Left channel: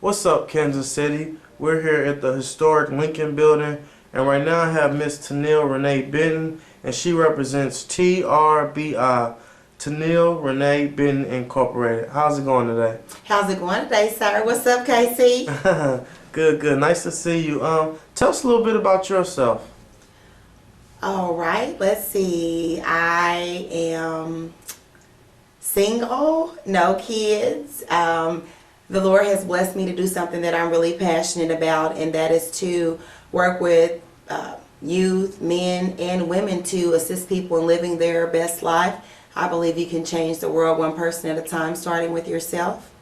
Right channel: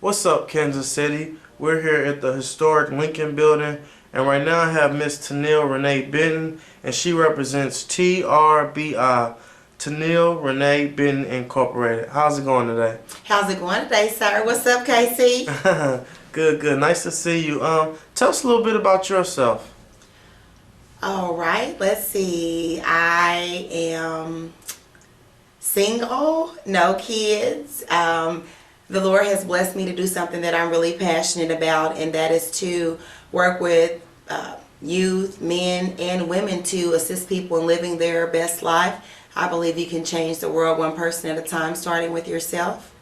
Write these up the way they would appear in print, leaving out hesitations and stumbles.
What's up, Kansas City? We're here at the historic Lincoln Building, and right now I have Miss Tennille Renee Benton, and she represents TRBI, Tennille Renee Benton Incorporated. How's it going today? How's it going today, sir? What's up, KC? Good, good. Nice to see you. Tell us a little bit about yourself. All right, let's see. I am single, no kids. The Lord has blessed me to do something that I'm really passionate about, and that is to work with youth, men, and women to assist people in living their best life. I believe you can change the world one person at a time, starting with yourself.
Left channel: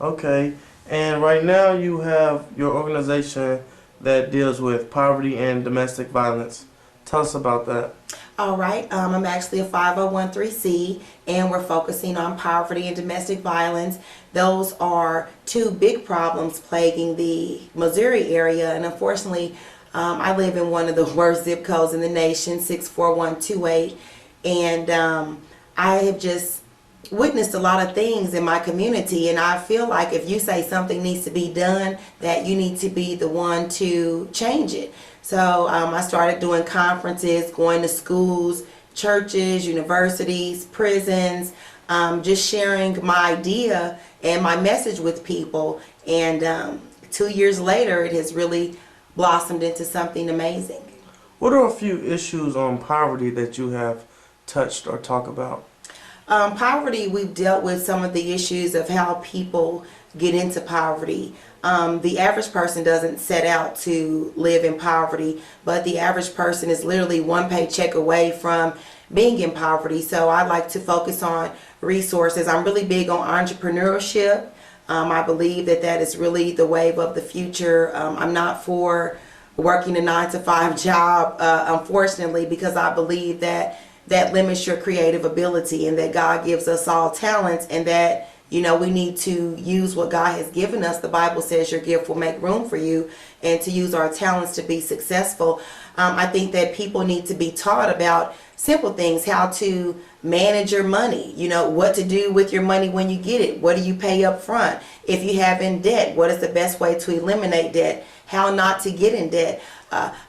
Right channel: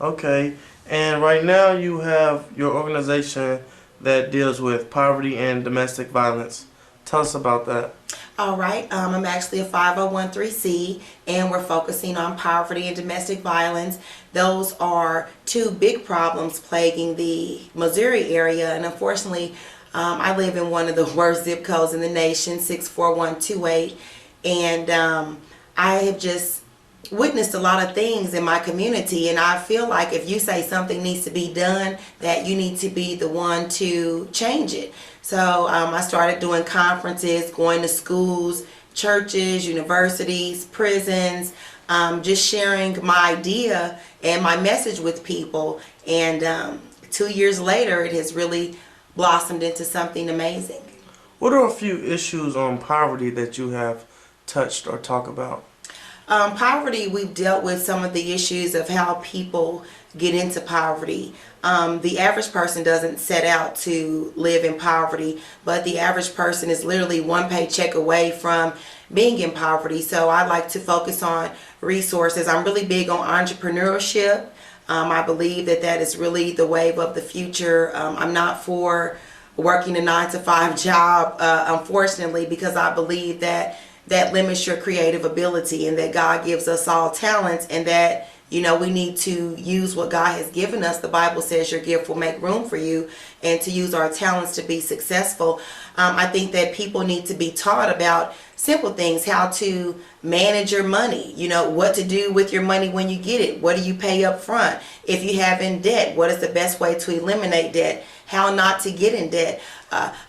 Okay, and right now you have your organization that deals with poverty and domestic violence. Tell us about that. All right, I'm actually a 501(c), and we're focusing on poverty and domestic violence. Those are two big problems plaguing the Missouri area, and unfortunately, I live in one of the worst zip codes in the nation, 64128, and I have just witnessed a lot of things in my community, and I feel like if you say something needs to be done, that you need to be the one to change it. So I started doing conferences, going to schools, churches, universities, prisons, just sharing my idea and my message with people, and 2 years later it has really blossomed into something amazing. What are a few issues on poverty that you have touched or talked about? Poverty, we've dealt with some of the issues of how people get into poverty. The average person doesn't set out to live in poverty, but the average person is literally one paycheck away from being in poverty. So I like to focus on resources. I'm really big on entrepreneurship. I believe that that is really the wave of the future. I'm not for working a 9-to-5 job, unfortunately, because I believe that limits your creative ability, and that God gives us all talents, and that, you know, we need to use what God has given us. The Bible says your gift will make room for you, and to use our talents to be successful. I think that people need to be taught about simple things, how to manage your money, you know, what to do with your money when you get it, what do you pay up front, if you have in debt, what is the best way to eliminate debt, how not to get in debt.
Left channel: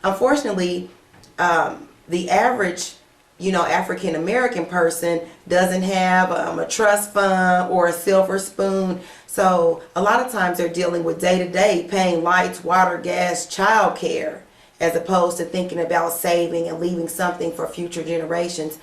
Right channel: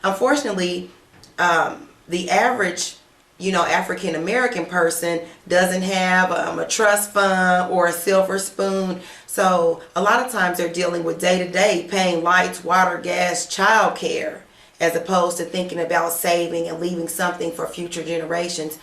Unfortunately, the average African American person doesn't have a trust fund or a silver spoon. So a lot of times they're dealing with day-to-day paying lights, water, gas, child care, as opposed to thinking about saving and leaving something for future generations.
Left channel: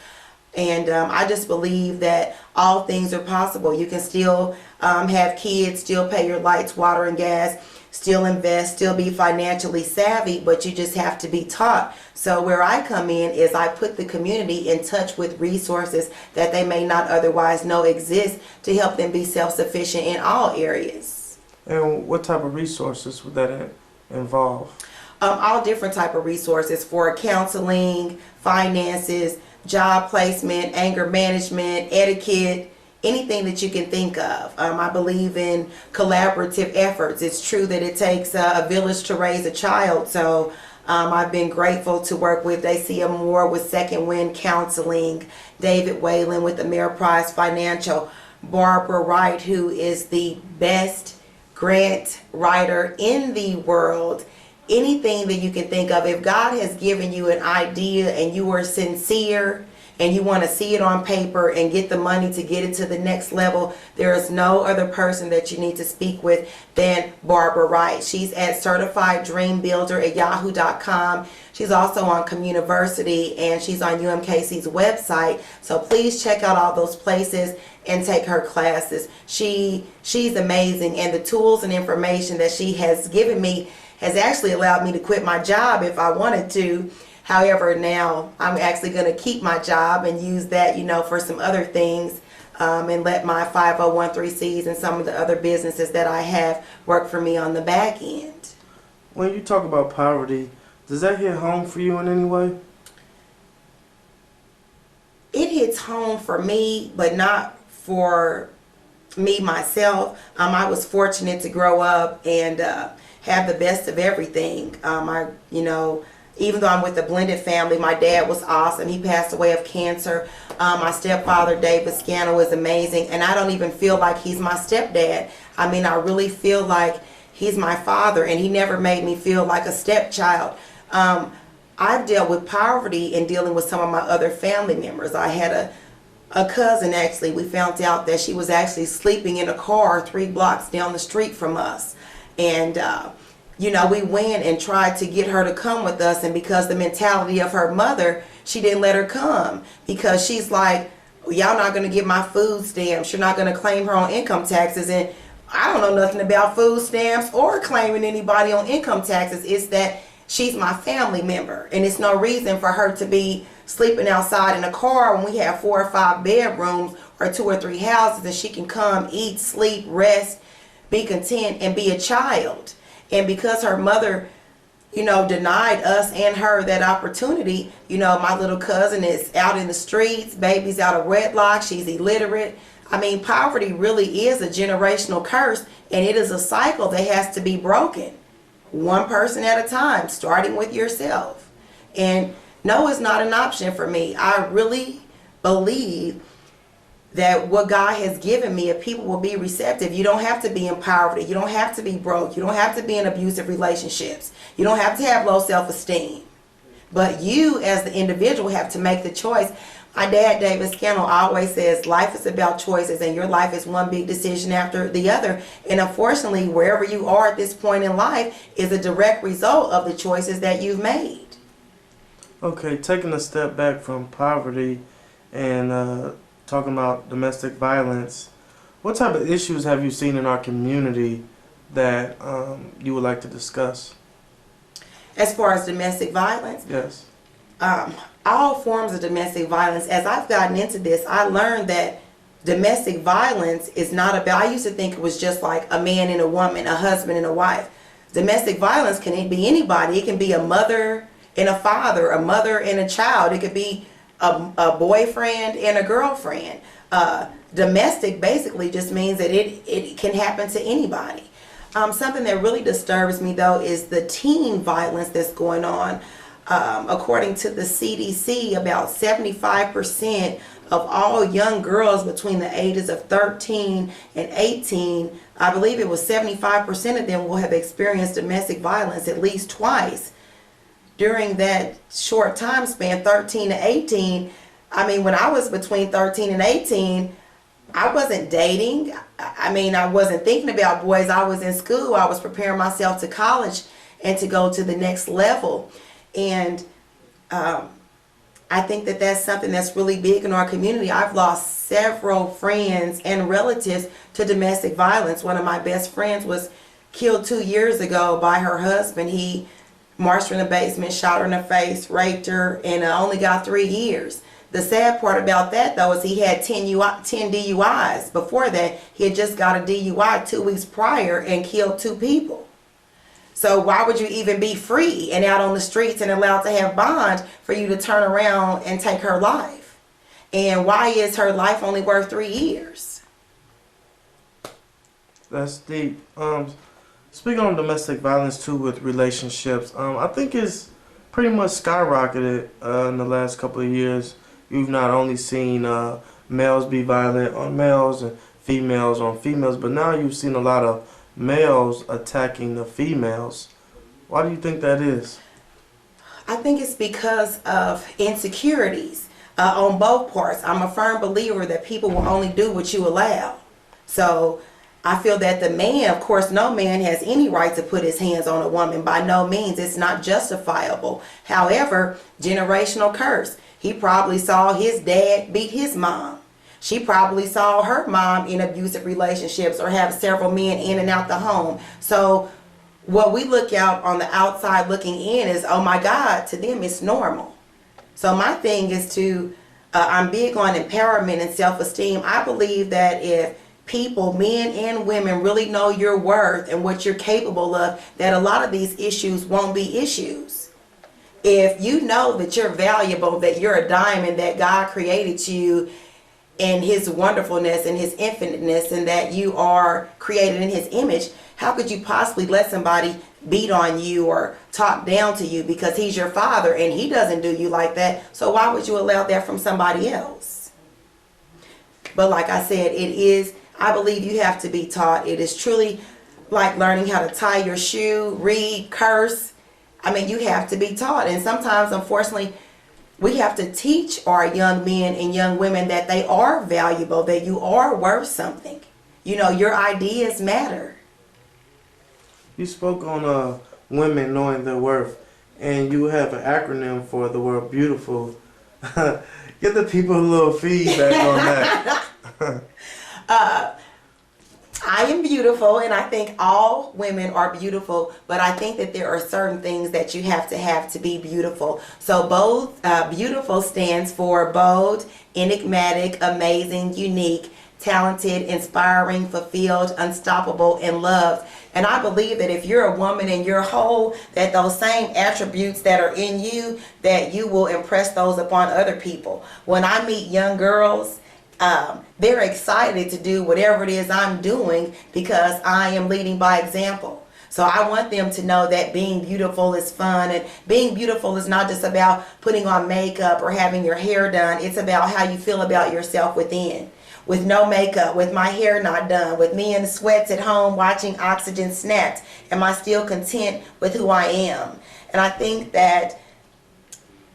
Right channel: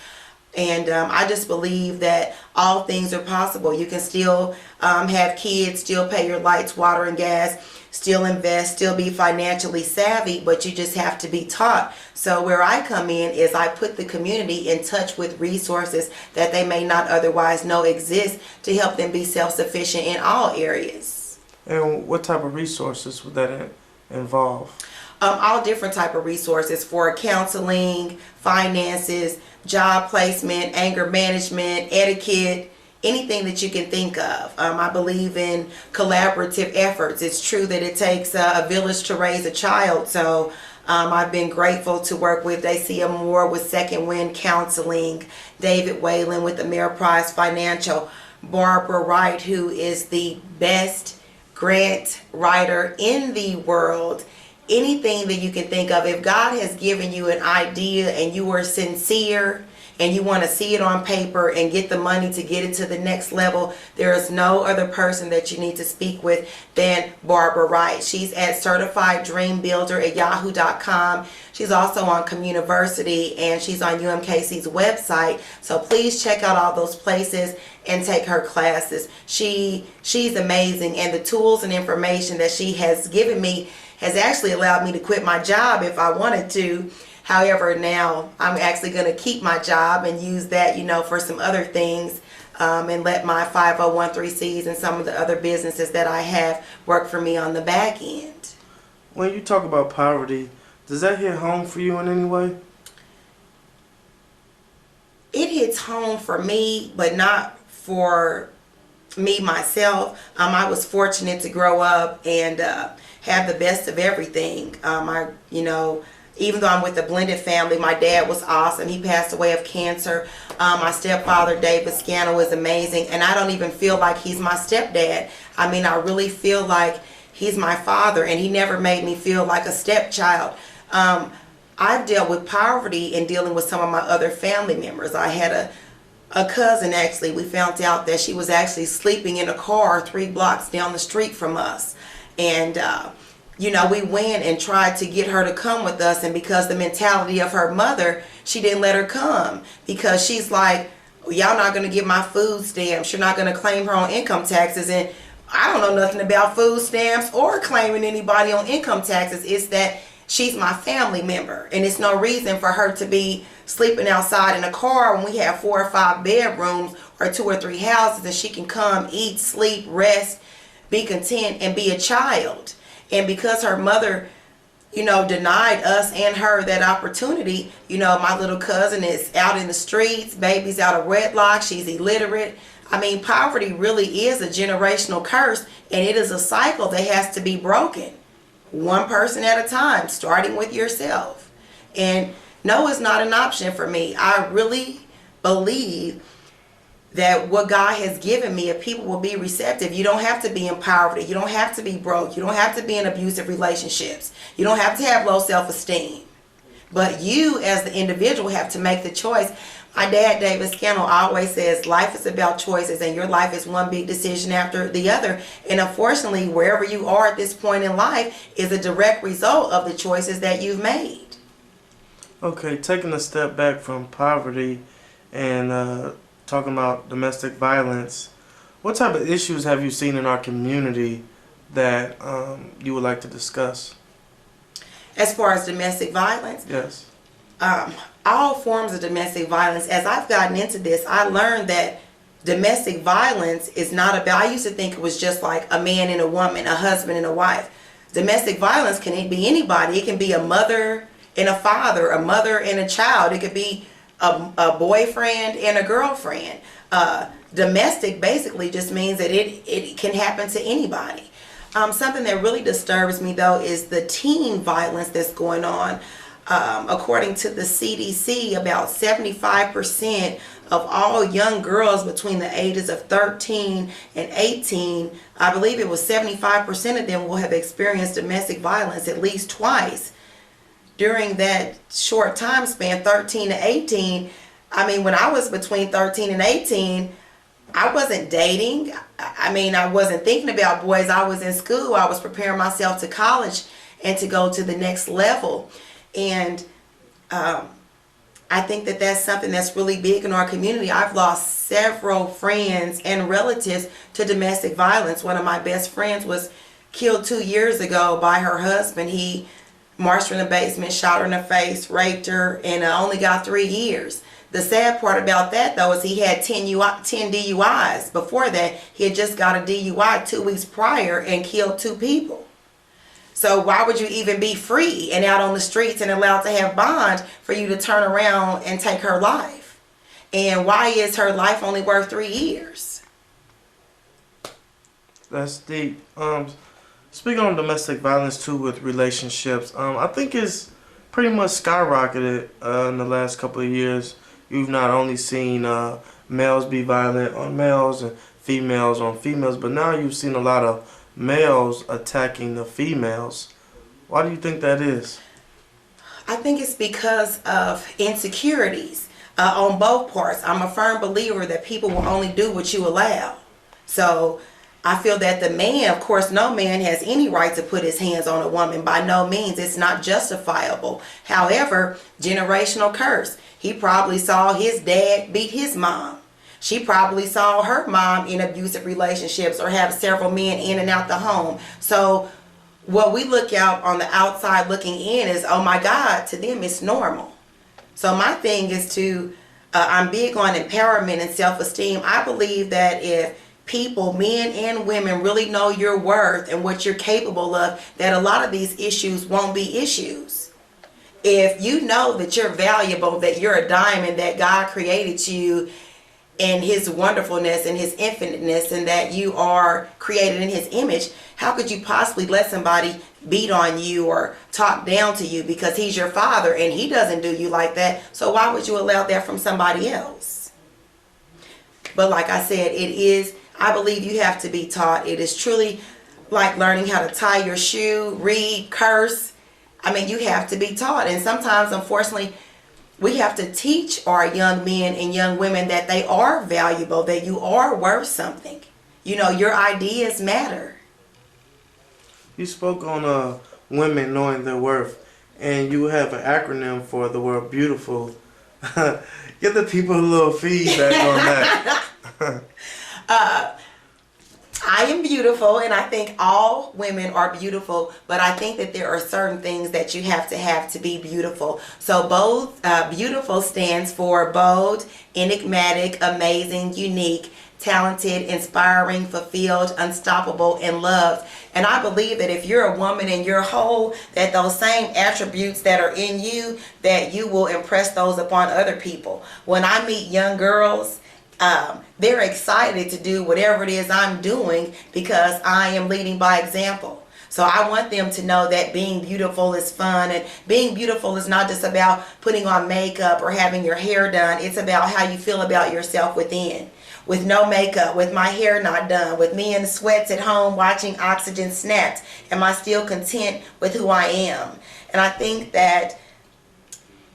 And I just believe that all things are possible. You can still have kids, still pay your lights, water, and gas, still invest, still be financially savvy, but you just have to be taught. So where I come in is I put the community in touch with resources that they may not otherwise know exist, to help them be self-sufficient in all areas. And what type of resources would that involve? All different type of resources for counseling, finances, job placement, anger management, etiquette, anything that you can think of. I believe in collaborative efforts. It's true that it takes a village to raise a child, so I've been grateful to work with Dacia Moore with Second Wind Counseling, David Whalen with Ameriprise Financial, Barbara Wright, who is the best grant writer in the world. Anything that you can think of, if God has given you an idea and you are sincere and you want to see it on paper and get the money to get it to the next level, there is no other person that you need to speak with than Barbara Wright. She's at certifieddreambuilder@yahoo.com. She's also on Communiversity, and she's on UMKC's website. So please check out all those places and take her classes. She's amazing, and the tools and information that she has given me has actually allowed me to quit my job if I wanted to. However, now I'm actually going to keep my job and use that, for some other things, and let my 501(c)(3)s and some of the other businesses that I have work for me on the back end. When you talk about poverty, does that hit home for you in any way? It hits home for me, but not for me myself. I was fortunate to grow up and have the best of everything. I even though I'm with a blended family, my dad was awesome. He passed away of cancer. My stepfather, David Scannell, is amazing. And I don't even feel like he's my stepdad. I mean, I really feel like he's my father, and he never made me feel like a stepchild. I've dealt with poverty in dealing with some of my other family members. I had a cousin, actually. We found out that she was actually sleeping in a car 3 blocks down the street from us. And you know, we went and tried to get her to come with us, and because the mentality of her mother, she didn't let her come, because she's like, y'all not going to get my food stamps, you're not going to claim her on income taxes. And I don't know nothing about food stamps or claiming anybody on income taxes. It's that she's my family member, and it's no reason for her to be sleeping outside in a car when we have 4 or 5 bedrooms or 2 or 3 houses, and she can come, eat, sleep, rest, be content, and be a child. And because her mother, you know, denied us and her that opportunity, you know, my little cousin is out in the streets, baby's out of wedlock, she's illiterate. I mean, poverty really is a generational curse, and it is a cycle that has to be broken. One person at a time, starting with yourself. And no is not an option for me. I really believe that what God has given me, if people will be receptive, you don't have to be in poverty. You don't have to be broke. You don't have to be in abusive relationships. You don't have to have low self-esteem. But you, as the individual, have to make the choice. My dad, David Scannell, always says life is about choices, and your life is one big decision after the other. And unfortunately, wherever you are at this point in life is a direct result of the choices that you've made. Okay, taking a step back from poverty and talking about domestic violence, what type of issues have you seen in our community that you would like to discuss? As far as domestic violence? Yes. All forms of domestic violence. As I've gotten into this, I learned that domestic violence is not about, I used to think it was just like a man and a woman, a husband and a wife. Domestic violence can be anybody. It can be a mother and a father, a mother and a child. It could be a boyfriend and a girlfriend. Domestic basically just means that it can happen to anybody. Something that really disturbs me, though, is the teen violence that's going on. According to the CDC, about 75% of all young girls between the ages of 13 and 18, I believe it was 75% of them will have experienced domestic violence at least twice. During that short time span, 13 to 18, I mean, when I was between 13 and 18, I wasn't dating. I mean, I wasn't thinking about boys. I was in school. I was preparing myself to college and to go to the next level. And I think that that's something that's really big in our community. I've lost several friends and relatives to domestic violence. One of my best friends was killed 2 years ago by her husband. He marched her in the basement, shot her in the face, raped her, and only got 3 years. The sad part about that, though, is he had 10 DUIs. Before that, he had just got a DUI 2 weeks prior and killed 2 people. So why would you even be free and out on the streets and allowed to have bond for you to turn around and take her life? And why is her life only worth 3 years? That's deep. Speaking on domestic violence too with relationships, I think it's pretty much skyrocketed in the last couple of years. You've not only seen males be violent on males and females on females, but now you've seen a lot of males attacking the females. Why do you think that is? I think it's because of insecurities on both parts. I'm a firm believer that people will only do what you allow. So I feel that the man, of course, no man has any right to put his hands on a woman. By no means. It's not justifiable. However, generational curse. He probably saw his dad beat his mom. She probably saw her mom in abusive relationships or have several men in and out the home. So what we look out on the outside looking in is, oh my God, to them it's normal. So my thing is to, I'm big on empowerment and self-esteem. I believe that if people, men and women, really know your worth and what you're capable of, that a lot of these issues won't be issues. If you know that you're valuable, that you're a diamond, that God created you, and his wonderfulness and his infiniteness, and that you are created in his image, how could you possibly let somebody beat on you or talk down to you, because he's your father and he doesn't do you like that? So why would you allow that from somebody else? But like I said, I believe you have to be taught. It is truly like learning how to tie your shoe, read, curse. I mean, you have to be taught. And sometimes, unfortunately, we have to teach our young men and young women that they are valuable, that you are worth something. You know, your ideas matter. You spoke on women knowing their worth, and you have an acronym for the word beautiful. Give the people a little feedback on that. I am beautiful, and I think all women are beautiful, but I think that there are certain things that you have to be beautiful. So both beautiful stands for bold, enigmatic, amazing, unique, talented, inspiring, fulfilled, unstoppable, and loved. And I believe that if you're a woman and you're whole, that those same attributes that are in you, that you will impress those upon other people. When I meet young girls, they're excited to do whatever it is I'm doing because I am leading by example. So I want them to know that being beautiful is fun, and being beautiful is not just about putting on makeup or having your hair done. It's about how you feel about yourself within. With no makeup, with my hair not done, with me in the sweats at home watching Oxygen Snapped, am I still content with who I am? And I think that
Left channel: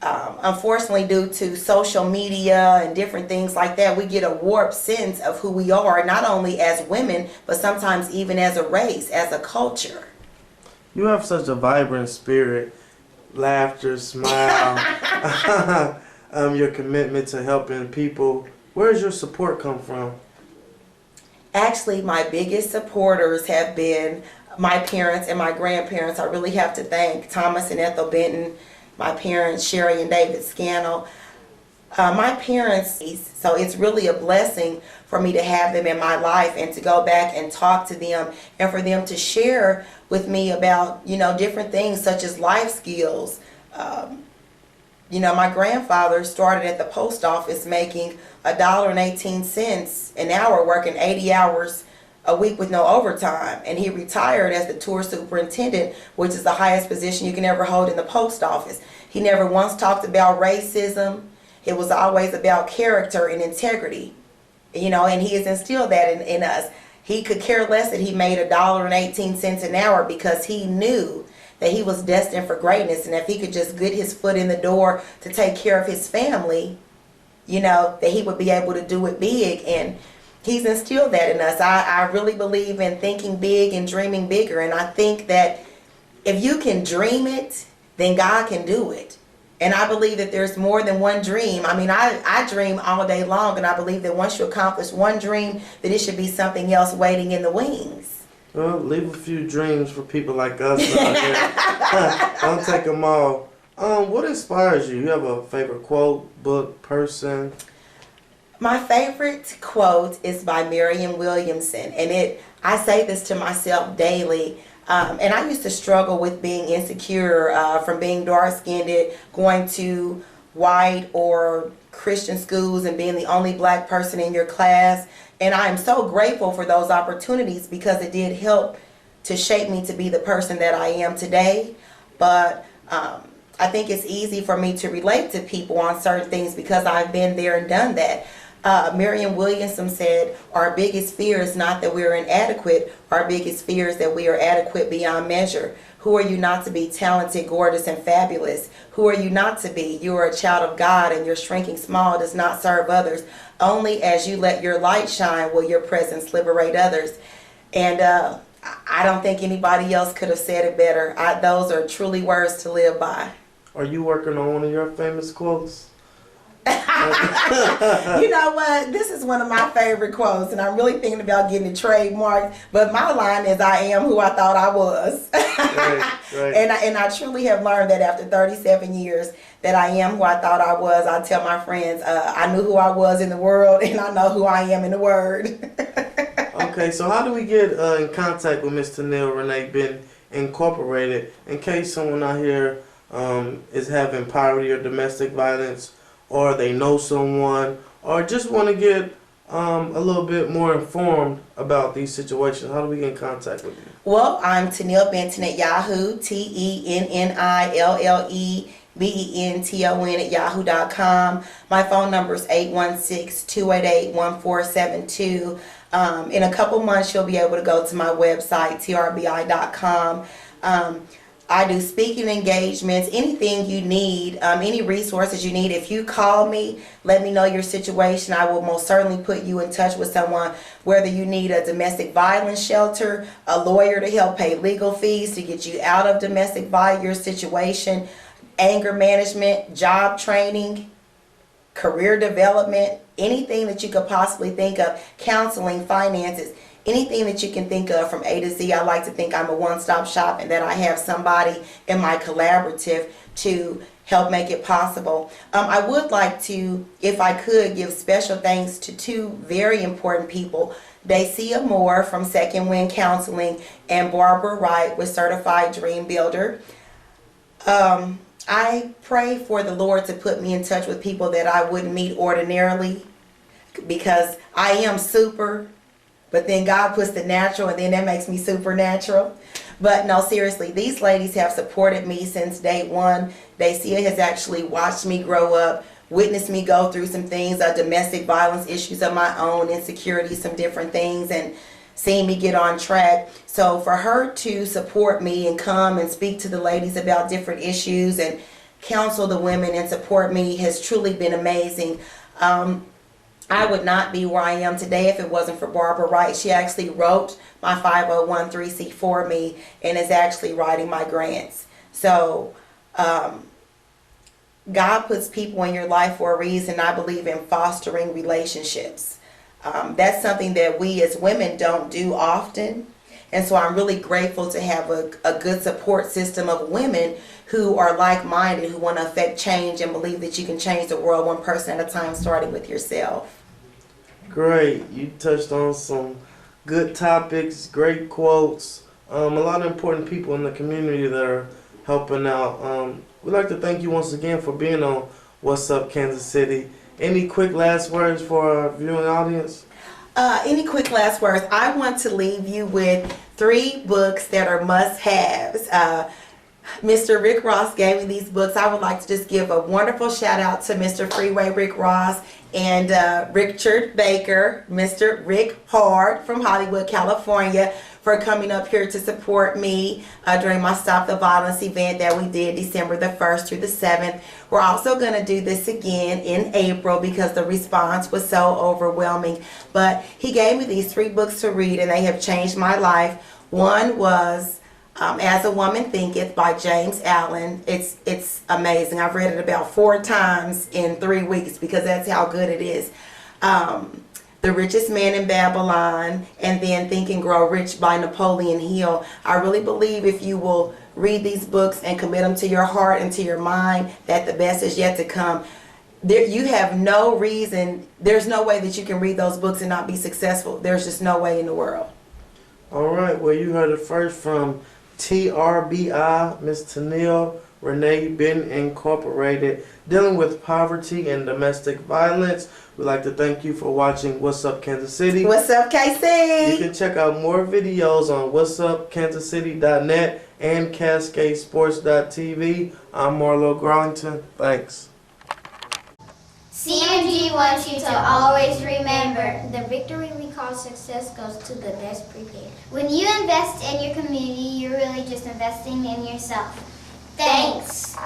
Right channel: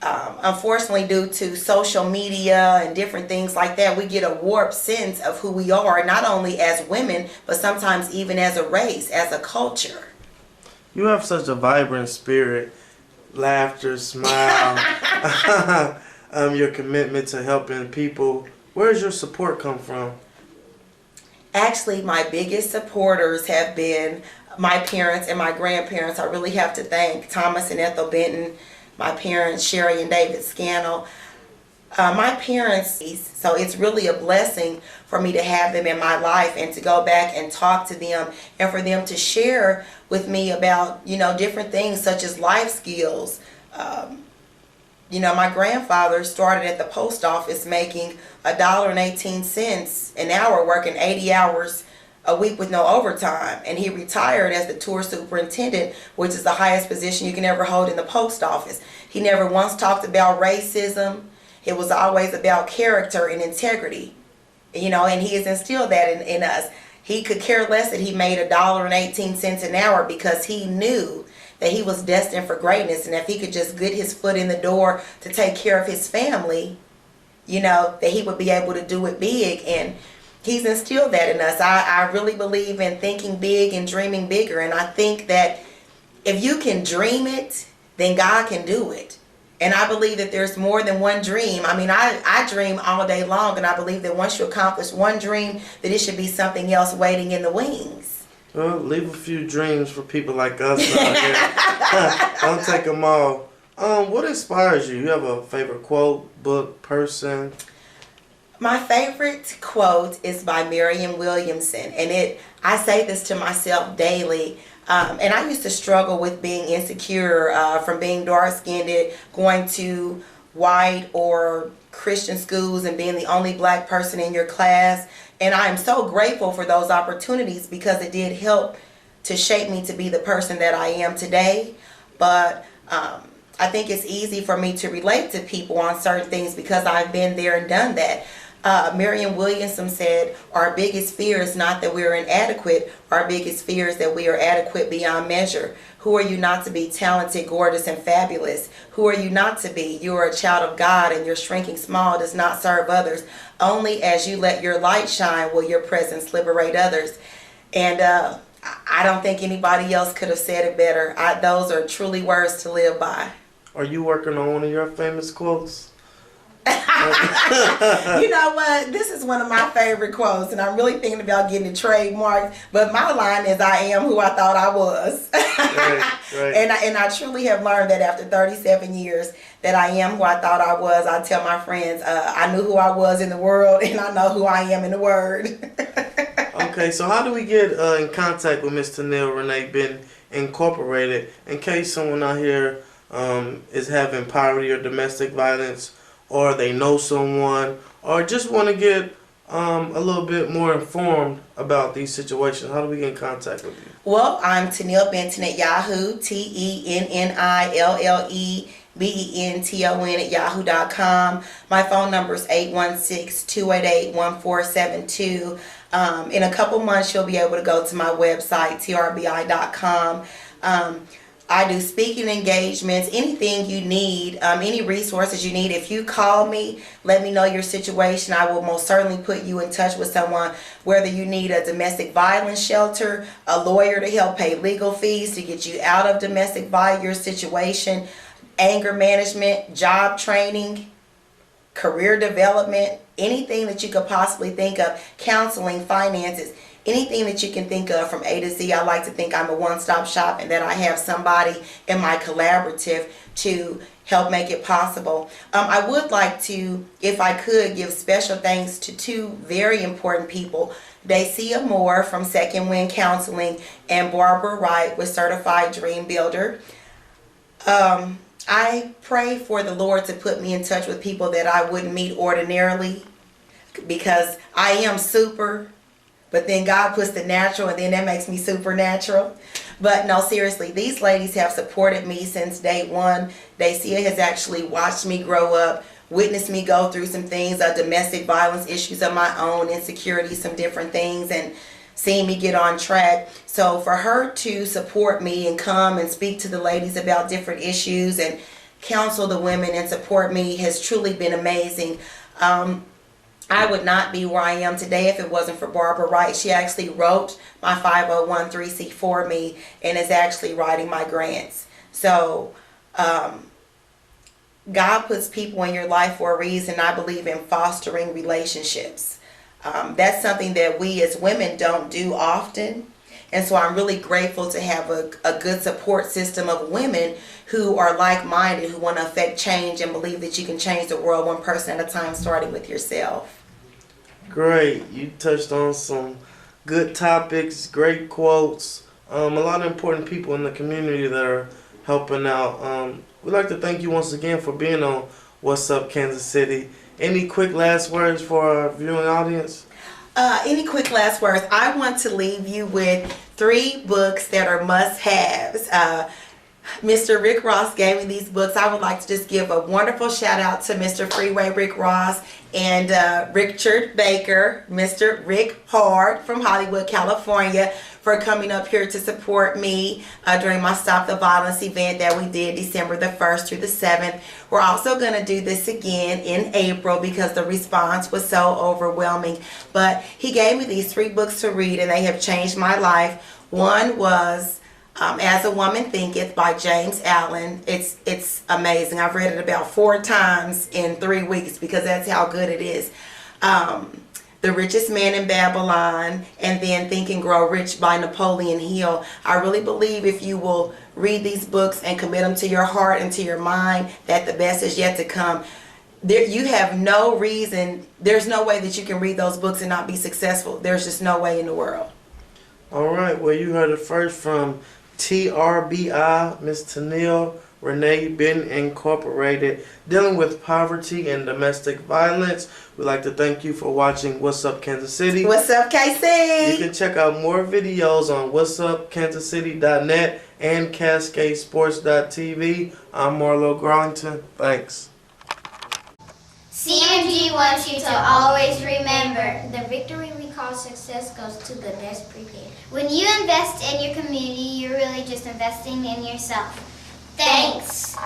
unfortunately, due to social media and different things like that, we get a warped sense of who we are, not only as women, but sometimes even as a race, as a culture. You have such a vibrant spirit, laughter, smile, your commitment to helping people. Where does your support come from? Actually, my biggest supporters have been my parents and my grandparents. I really have to thank Thomas and Ethel Benton, my parents, Sherry and David Scannell. My parents, so it's really a blessing for me to have them in my life and to go back and talk to them and for them to share with me about, different things such as life skills. My grandfather started at the post office making $1.18 an hour, working 80 hours a week with no overtime, and he retired as the tour superintendent, which is the highest position you can ever hold in the post office. He never once talked about racism. It was always about character and integrity, and he has instilled that in us. He could care less that he made $1.18 an hour, because he knew that he was destined for greatness, and if he could just get his foot in the door to take care of his family, that he would be able to do it big. And he's instilled that in us. I really believe in thinking big and dreaming bigger. And I think that if you can dream it, then God can do it. And I believe that there's more than one dream. I mean, I dream all day long, and I believe that once you accomplish one dream, that it should be something else waiting in the wings. Well, leave a few dreams for people like us out here. Don't take them all. What inspires you? You have a favorite quote, book, person? My favorite quote is by Marianne Williamson, and I say this to myself daily. And I used to struggle with being insecure from being dark-skinned, going to white or Christian schools and being the only black person in your class. And I am so grateful for those opportunities, because it did help to shape me to be the person that I am today. But I think it's easy for me to relate to people on certain things because I've been there and done that. Marianne Williamson said, our biggest fear is not that we are inadequate. Our biggest fear is that we are adequate beyond measure. Who are you not to be talented, gorgeous, and fabulous? Who are you not to be? You are a child of God, and your shrinking small does not serve others. Only as you let your light shine will your presence liberate others. And I don't think anybody else could have said it better. Those are truly words to live by. Are you working on one of your famous quotes? You know what? This is one of my favorite quotes, and I'm really thinking about getting it trademarked. But my line is, I am who I thought I was. Right. And I truly have learned that after 37 years that I am who I thought I was. I tell my friends, I knew who I was in the world, and I know who I am in the Word. Okay, so how do we get in contact with Miss Tennille Renee Benton Incorporated in case someone out here is having poverty or domestic violence, or they know someone, or just want to get a little bit more informed about these situations, how do we get in contact with you? Well, I'm Tennille Benton at Yahoo, TENNILLEBENTON at yahoo.com. My phone number is 816-288-1472. In a couple months, you'll be able to go to my website, TRBI.com. I do speaking engagements, anything you need, any resources you need. If you call me, let me know your situation. I will most certainly put you in touch with someone, whether you need a domestic violence shelter, a lawyer to help pay legal fees to get you out of domestic violence situation, anger management, job training, career development, anything that you could possibly think of, counseling, finances. Anything that you can think of from A to Z. I like to think I'm a one-stop shop and that I have somebody in my collaborative to help make it possible. I would like to, if I could, give special thanks to two very important people. Dacia Moore from Second Wind Counseling and Barbara Wright with Certified Dream Builder. I pray for the Lord to put me in touch with people that I wouldn't meet ordinarily, because I am super. But then God puts the natural, and then that makes me supernatural. But no, seriously, these ladies have supported me since day one. Dacia has actually watched me grow up, witnessed me go through some things, domestic violence issues of my own, insecurity, some different things, and seen me get on track. So for her to support me and come and speak to the ladies about different issues and counsel the women and support me has truly been amazing. I would not be where I am today if it wasn't for Barbara Wright. She actually wrote my 501(c)(3) for me and is actually writing my grants. So God puts people in your life for a reason. I believe in fostering relationships. That's something that we as women don't do often. And so I'm really grateful to have a good support system of women who are like-minded, who want to affect change and believe that you can change the world one person at a time, starting with yourself. Great. You touched on some good topics, great quotes, a lot of important people in the community that are helping out. We'd like to thank you once again for being on What's Up Kansas City. Any quick last words for our viewing audience? Any quick last words? I want to leave you with 3 books that are must-haves. Mr. Rick Ross gave me these books. I would like to just give a wonderful shout out to Mr. Freeway Rick Ross and Richard Baker, Mr. Rick Hard from Hollywood, California, for coming up here to support me during my Stop the Violence event that we did December the 1st through the 7th. We're also going to do this again in April because the response was so overwhelming. But he gave me these 3 books to read, and they have changed my life. One was As a Woman Thinketh by James Allen. It's amazing. I've read it about 4 times in 3 weeks because that's how good it is. The Richest Man in Babylon, and then Think and Grow Rich by Napoleon Hill. I really believe if you will read these books and commit them to your heart and to your mind, that the best is yet to come. You have no reason, there's no way that you can read those books and not be successful. There's just no way in the world. All right, well, you heard it first from TRBI, Miss Tennille Renee Benton Incorporated, dealing with poverty and domestic violence. We'd like to thank you for watching What's Up Kansas City. What's up, KC? You can check out more videos on whatsupkansascity.net and CascadeSports.tv. I'm Marlo Garlington. Thanks. CMG wants you to always remember, the victory we call success goes to the best prepared. When you invest in your community, you're really just investing in yourself. Thanks.